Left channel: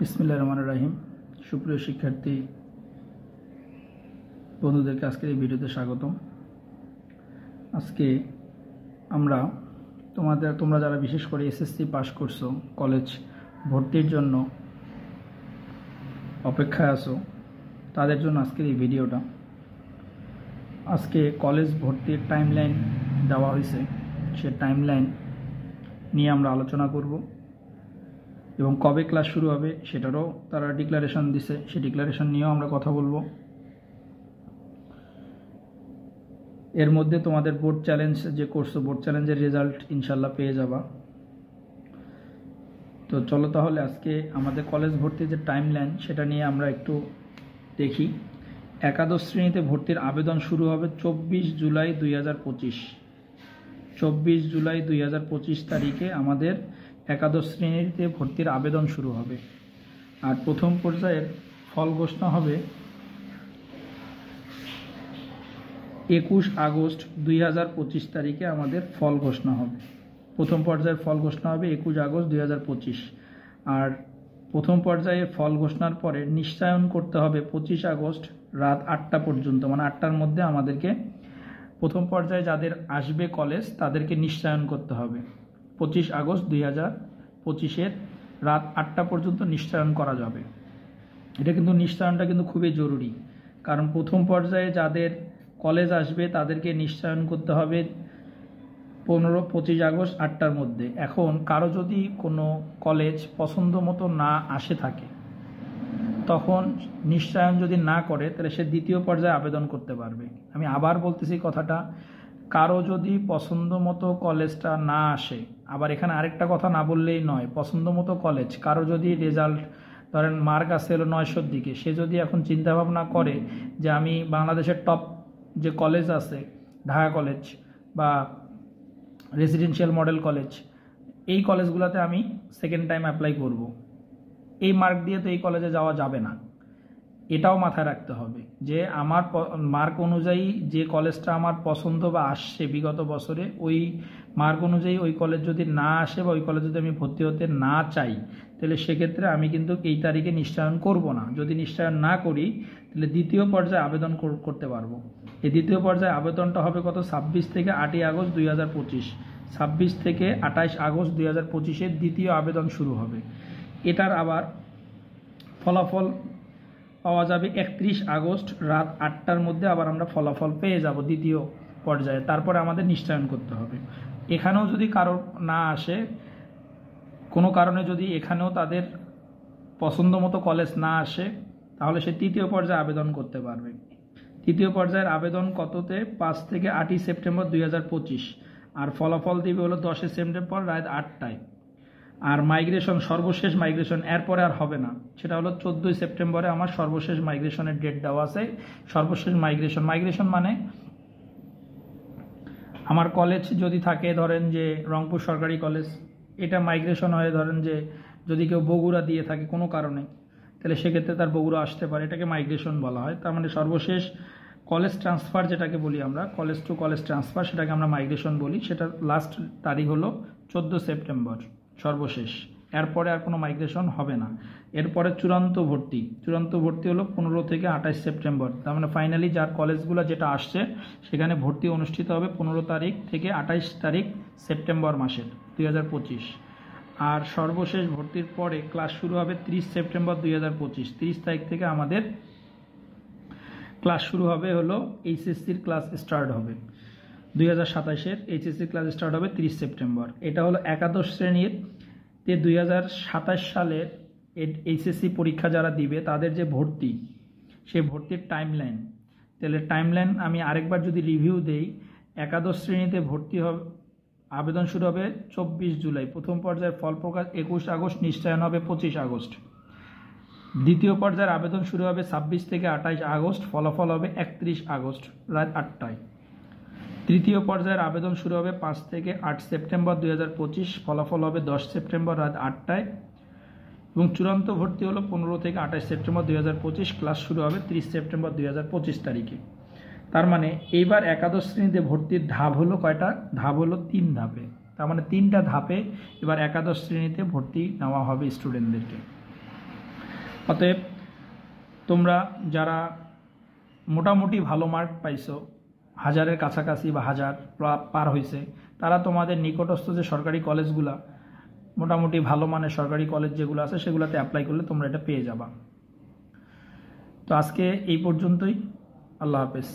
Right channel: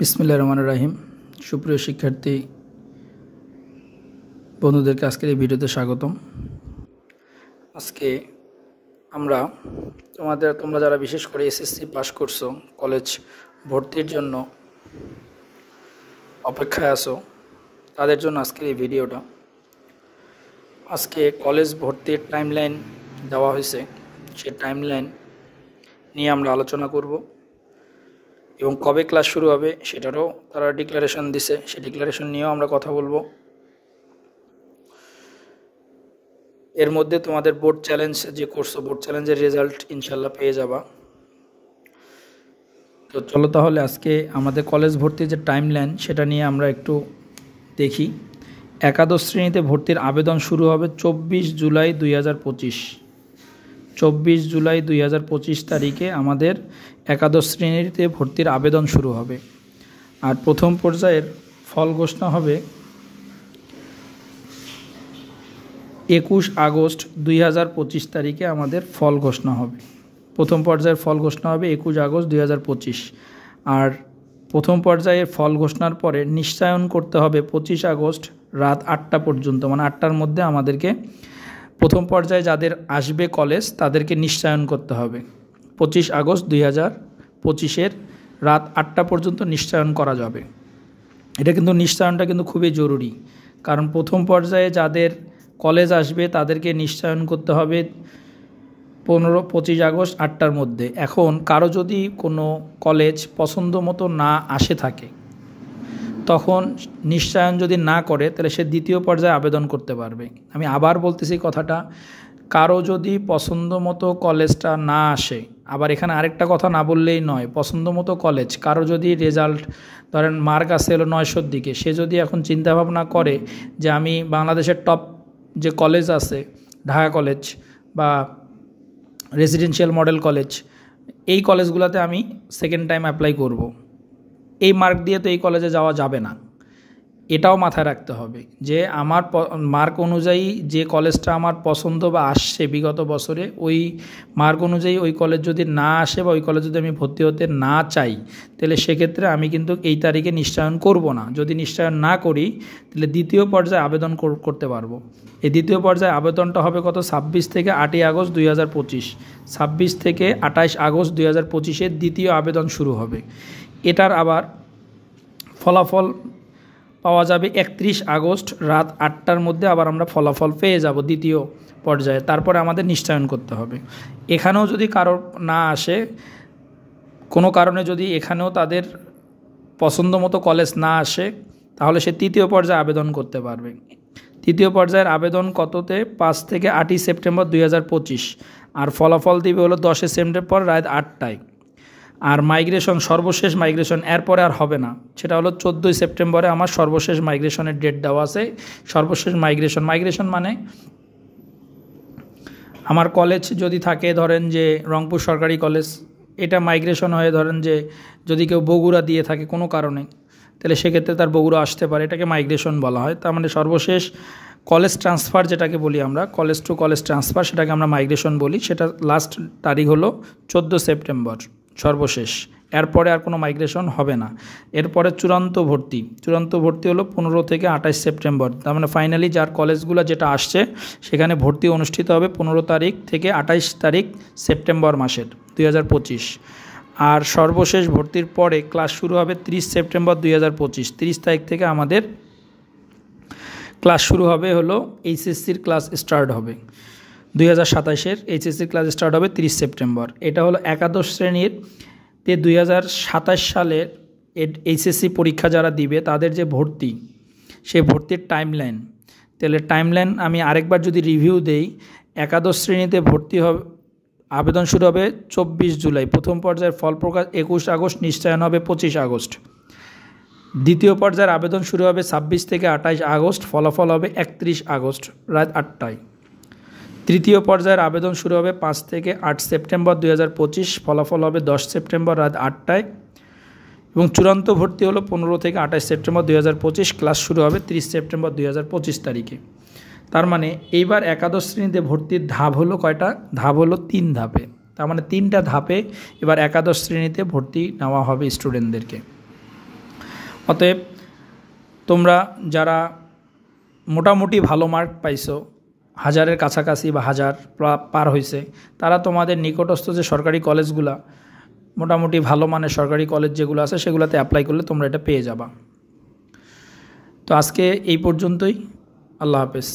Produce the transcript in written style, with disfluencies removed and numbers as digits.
বিসমিল্লাহির রহমানির রহিম। সুপ্রিয় শিক্ষার্থী বন্ধুদেরকে আজকের এই ভিডিওতে স্বাগতম। আজকে আমরা তোমরা যারা বিশেষ করে এসএসসি পাস করছো, কলেজ ভর্তির জন্য অপেক্ষায় আছো, তাদের জন্য আজকের এই ভিডিওটা। আজকে কলেজ ভর্তির টাইমলাইন দেওয়া হয়েছে, সেই টাইমলাইন নিয়ে আমরা আলোচনা করব এবং কবে ক্লাস শুরু হবে সেটারও তারা ডিক্লারেশন দিছে, সেই ডিক্লারেশন নিয়েও আমরা কথা বলবো। এর মধ্যে তোমাদের বোর্ড চ্যালেঞ্জ যে করছো, বোর্ড চ্যালেঞ্জের রেজাল্ট ইনশাল্লাহ পেয়ে যাবা। তো চলো তাহলে আজকে আমাদের কলেজ ভর্তির যে টাইমলাইন সেটা নিয়ে আমরা একটু দেখি। একাদশ শ্রেণীতে ভর্তির আবেদন শুরু হবে 24 জুলাই 2025। 24 জুলাই 2025 তারিখে আমাদের একাদশ শ্রেণীতে ভর্তির আবেদন শুরু হবে। আর প্রথম পর্যায়ের ফল ঘোষণা হবে 21 আগস্ট 2025 তারিখে আমাদের ফল ঘোষণা হবে। প্রথম পর্যায়ের ফল ঘোষণা হবে 21 আগস্ট 2025। আর প্রথম পর্যায়ের ফল ঘোষণার পরে নিশ্চয়ন করতে হবে 25 আগস্ট রাত 8টা পর্যন্ত, মানে 8টার মধ্যে আমাদেরকে প্রথম পর্যায়ে যাদের আসবে কলেজ তাদেরকে নিশ্চয়ন করতে হবে। 25 আগস্ট 2025 রাত 8টা পর্যন্ত নিশ্চয়ন করা যাবে। এটা কিন্তু নিশ্চয়নটা কিন্তু খুবই জরুরি, কারণ প্রথম পর্যায়ে যাদের কলেজ আসবে তাদেরকে নিশ্চয়ন করতে হবে 25 আগস্ট 8টার মধ্যে। এখন কারো যদি কোনো কলেজ পছন্দ মতো না আসে থাকে, তখন নিশ্চয়ন যদি না করে তাহলে সে দ্বিতীয় পর্যায়ে আবেদন করতে পারবে। আমি আবার বলতেছি কথাটা, কারো যদি পছন্দ মতো কলেজটা না আসে, আবার এখানে আরেকটা কথা না বললেই নয়, পছন্দ মতো কলেজ কারো যদি রেজাল্ট ধরেন মার্ক আসে হলো 900-র দিকে, সে যদি এখন চিন্তাভাবনা করে যে আমি বাংলাদেশের টপ যে কলেজ আছে, ঢাকা কলেজ বা রেসিডেন্সিয়াল মডেল কলেজ, এই কলেজগুলোতে আমি সেকেন্ড টাইম অ্যাপ্লাই করব, এই মার্ক দিয়ে তো এই কলেজে যাওয়া যাবে না। এটাও মাথায় রাখতে হবে যে আমার মার্ক অনুযায়ী যে কলেজটা আমার পছন্দ বা আসছে বিগত বছরে, ওই মার্ক অনুযায়ী ওই কলেজ যদি না আসে বা ওই কলেজ যদি আমি ভর্তি হতে না চাই, তাহলে সেক্ষেত্রে আমি কিন্তু এই তারিখে নিশ্চয়ন করব না। যদি নিশ্চয়ন না করি তাহলে দ্বিতীয় পর্যায়ে আবেদন করতে পারবো। এই দ্বিতীয় পর্যায়ে আবেদনটা হবে কত? 26 থেকে 8ই আগস্ট 2025। 26 থেকে 28 আগস্ট 2025 দ্বিতীয় আবেদন শুরু হবে। এটার আবার ফলাফল পাওয়া যাবে 31 আগস্ট রাত 8টার মধ্যে। আবার আমরা ফলাফল পেয়ে যাব দ্বিতীয় পর্যায়ে, তারপরে আমাদের নিশ্চয়ন করতে হবে। এখানেও যদি কারো না আসে, কোনো কারণে যদি এখানেও তাদের পছন্দ মতো কলেজ না আসে, তাহলে সে তৃতীয় পর্যায়ে আবেদন করতে পারবে। তৃতীয় পর্যায়ের আবেদন কততে? 5 থেকে 8ই সেপ্টেম্বর 2025। আর ফলাফল দিবে হলো 10 সেপ্টেম্বর রাত 8টায়। আর মাইগ্রেশন, সর্বশেষ মাইগ্রেশন এরপরে আর হবে না, সেটা হলো 14 সেপ্টেম্বরে আমার সর্বশেষ মাইগ্রেশনের ডেট দেওয়া আছে। সর্বশেষ মাইগ্রেশন মানে আমার কলেজ যদি থাকে, ধরেন যে রংপুর সরকারি কলেজ, এটা মাইগ্রেশন হয়ে ধরেন যে যদি কেউ বগুড়া দিয়ে থাকে কোনো কারণে, তাহলে সেক্ষেত্রে তার বগুড়া আসতে পারে, এটাকে মাইগ্রেশন বলা হয়। তার মানে সর্বশেষ কলেজ ট্রান্সফার যেটাকে বলি আমরা, কলেজ টু কলেজ ট্রান্সফার, সেটাকে আমরা মাইগ্রেশন বলি। সেটা লাস্ট তারিখ হলো 14 সেপ্টেম্বর সর্বশেষ। এরপরে আর কোনো মাইগ্রেশন হবে না। এরপরে চূড়ান্ত ভর্তি হলো 15 থেকে 28 সেপ্টেম্বর। তার মানে ফাইনালি যার কলেজগুলো যেটা আসছে সেখানে ভর্তি অনুষ্ঠিত হবে 15 তারিখ থেকে 28 তারিখ সেপ্টেম্বর মাসের 2025। আর সর্বশেষ ভর্তির পরে ক্লাস শুরু হবে 30 সেপ্টেম্বর 2025। 30 তারিখ থেকে আমাদের ক্লাস শুরু হবে, হলো এইচএসসির ক্লাস স্টার্ট হবে। 2027-এর এইচএসসির ক্লাস স্টার্ট হবে 30 সেপ্টেম্বর। এটা হলো একাদশ শ্রেণীর 2027 সালের এইচএসসি পরীক্ষা যারা দিবে তাদের যে ভর্তি, সেই ভর্তির টাইমলাইন। তাহলে টাইমলাইন আমি আরেকবার যদি রিভিউ দেই, একাদশ শ্রেণীতে ভর্তি হবে, আবেদন শুরু হবে 24 জুলাই। প্রথম পর্যায়ের ফল প্রকাশ 21 আগস্ট, নিশ্চয়ন হবে 25 আগস্ট। দ্বিতীয় পর্যায়ের আবেদন শুরু হবে 26 থেকে 28 আগস্ট, ফলাফল হবে 31 আগস্ট রাত 8টায়। তৃতীয় পর্যায়ের আবেদন শুরু হবে 5 থেকে 8 সেপ্টেম্বর 2025, ফলাফল হবে 10 সেপ্টেম্বর রাত 8টায়। এবং চূড়ান্ত ভর্তি হলো 15 থেকে 28 সেপ্টেম্বর 2025, ক্লাস শুরু হবে 30 সেপ্টেম্বর 2025 তারিখে। তার মানে এইবার একাদশ শ্রেণীতে ভর্তির ধাপ হলো কয়টা? ধাপ হলো 3 ধাপে। তার মানে 3টা ধাপে এবার একাদশ শ্রেণীতে ভর্তি নেওয়া হবে স্টুডেন্টদেরকে। অতএব তোমরা যারা মোটামুটি ভালো মার্ক পাইছো, 1000-এর কাছাকাছি বা 1000 পার হয়েছে, তারা তোমাদের নিকটস্থ যে সরকারি কলেজগুলা, মোটামুটি ভালো মানের সরকারি কলেজ যেগুলো আছে সেগুলোতে অ্যাপ্লাই করলে তোমরা এটা পেয়ে যাবা। তো আজকে এই পর্যন্তই। আল্লাহ হাফেজ।